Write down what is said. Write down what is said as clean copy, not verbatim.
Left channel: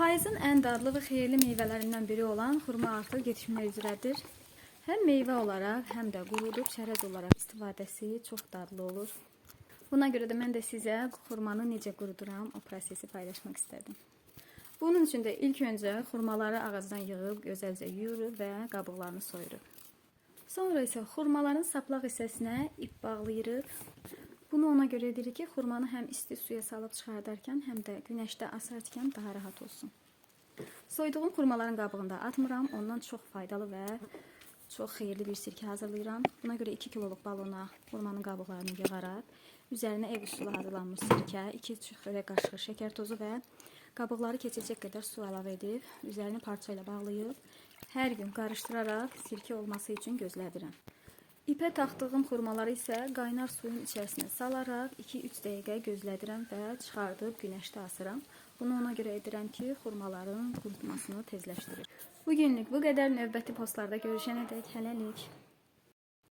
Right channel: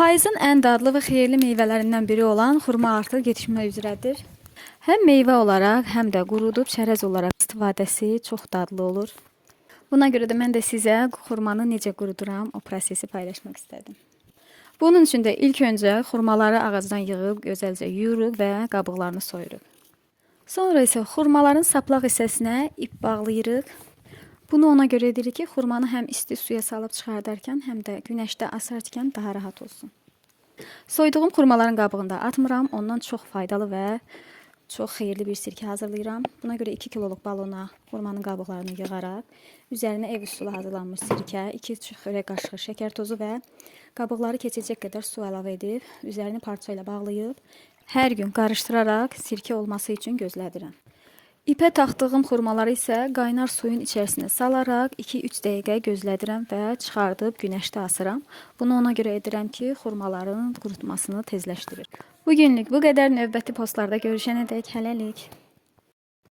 Payızın ən dadlı və xeyirli meyvələrindən biri olan xurma artıq yetişmək üzrədir. Həm meyvə olaraq, həm də qurudub çərəz olaraq istifadəsi çox dadlı olur. Buna görə də mən də sizə xurmanı necə quruduram, o prosesi paylaşmaq istədim. Bunun üçün də ilk öncə xurmaları ağacdan yığıb, gözəlcə yuyuruq və qabıqlarını soyuruq. Sonra isə xurmaların saplaq hissəsinə ip bağlayırıq. Bunu ona görə edirik ki, xurmanı həm isti suya salıb çıxardarkən, həm də günəşdə asarkən daha rahat olsun. Soyduğum xurmaların qabığında atmıram, ondan çox faydalı və çox xeyirli bir sirkə hazırlayıram. Buna görə 2 kiloluq balona xurmanın qabıqlarını yığaraq, üzərinə ev üsulu hazırlanmış sirkə, 2 çörək qaşığı şəkər tozu və qabıqları keçəcək qədər su əlavə edib, üzərini parça ilə bağlayıb, hər gün qarışdıraraq sirkə olması üçün gözlədirəm. İpə taxdığım xurmaları isə qaynar suyun içərisinə salaraq 2-3 dəqiqə gözlədirəm və çıxardıb günəşdə asıram. Bunu ona görə edirəm ki, xurmaların qurutmasını tezləşdirir. Bugünlük bu qədər, növbəti postlarda görüşənədək hələlik.